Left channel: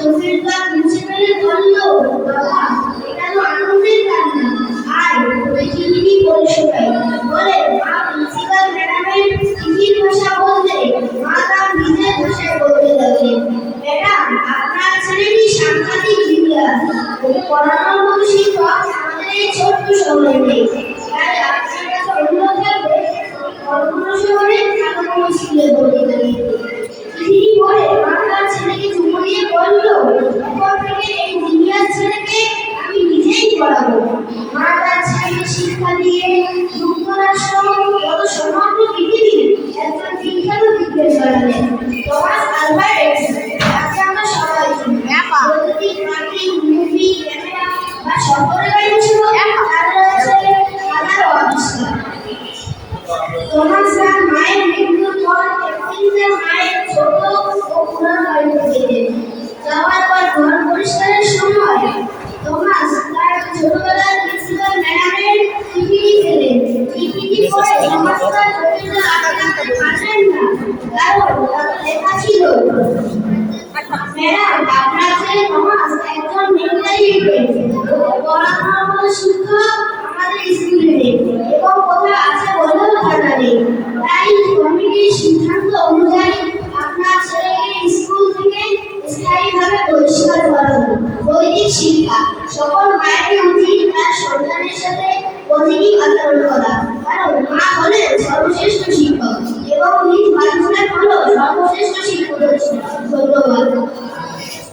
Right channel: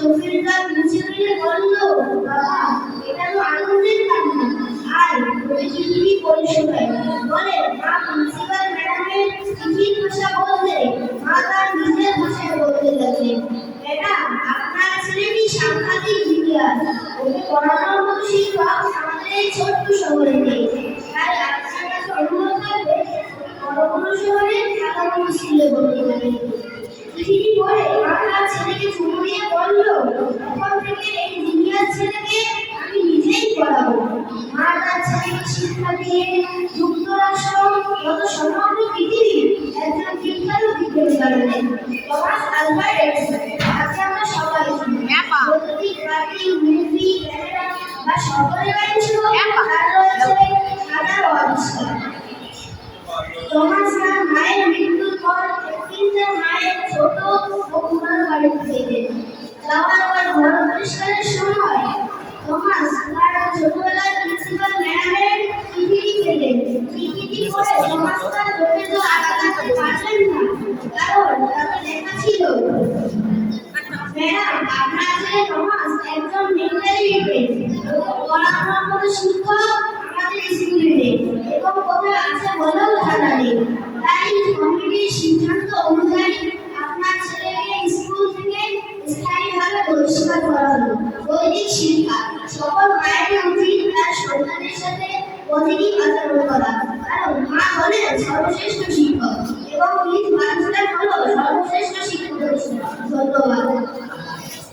সুফিরদা প্রিন্সিপালে বলল, বাবা এটা তো আনন্দের কান্না, আর দেখি দিদি পরিষেবাই বলে মা প্রিন্সিপাল ম্যাডামের চিঠির ভাষা বলতে মা তার নিজের ভাষায় বলতে লাগলেন, ম্যাডাম আপনার ছেলেটি সাংঘাতিক জিনিয়াস, ওকে পড়ানোর মতো শিক্ষক আমাদের এই ছোট্ট শহরে নেই, তাই আপনার কাছে অনুরোধ থাকবে বড় কোনো শহরে ভালো কোনো স্কুলে ভর্তি করে। চিঠি পড়ে মা তার ছেলেকে চুমু দিয়ে বলল, এখন থেকে এই জিনিয়াস ছেলেকে আমি নিজেই পড়াবো। মা তার ছেলেকে শিক্ষা দিয়ে যুক্তরাষ্ট্র যত সমগ্র পৃথিবীর একজন বিখ্যাত বিজ্ঞানী বানালেন, টমাস আলভা এডিসন। তাকে আমরা সবাই চিনি। বৈদ্যুতিক বাতি, মুভি, ক্যামেরা বা শহরে গাড়ি ছিল তার রয়েছে হাজারো আবিষ্কার। টমাস তার মায়ের মৃত্যুর পর এপ্রিলের মায়ের ছোট ও পুরানো বাড়িতে গেলেন। যাওয়ার পর ঘর পরিষ্কারের সময় টমাস তার ছোটবেলার প্রিন্সিপাল ম্যাডামের চিঠিটি পেলেন। চিঠিটি পড়ে টমাস তার চোখের জল আটকে রাখতে পারলেন না, কারণ তাতে লেখা ছিল, ম্যাডাম আপনার ছেলে টমাস একজন মিলিটারি এজেন্ট, ওকে পড়ানোর মতো শিক্ষক আমাদের স্কুলে নেই এবং কোথায় আছে বলেও জানা নেই। তাই কমিটির সিদ্ধান্ত অনুযায়ী আপনার ছেলেকে স্কুল থেকে স্থায়ীভাবে বহিষ্কার করা হলো। বৈদিক শিক্ষা সকল মায়ের উচিত তার সন্তানের সাথে পজিটিভ আচরণ করা, কারণ মা হলেন সর্বশ্রেষ্ঠ শিক্ষক এবং নিজ বাচ্চারা হলো সর্বশ্রেষ্ঠ শিক্ষক। ধন্যবাদ।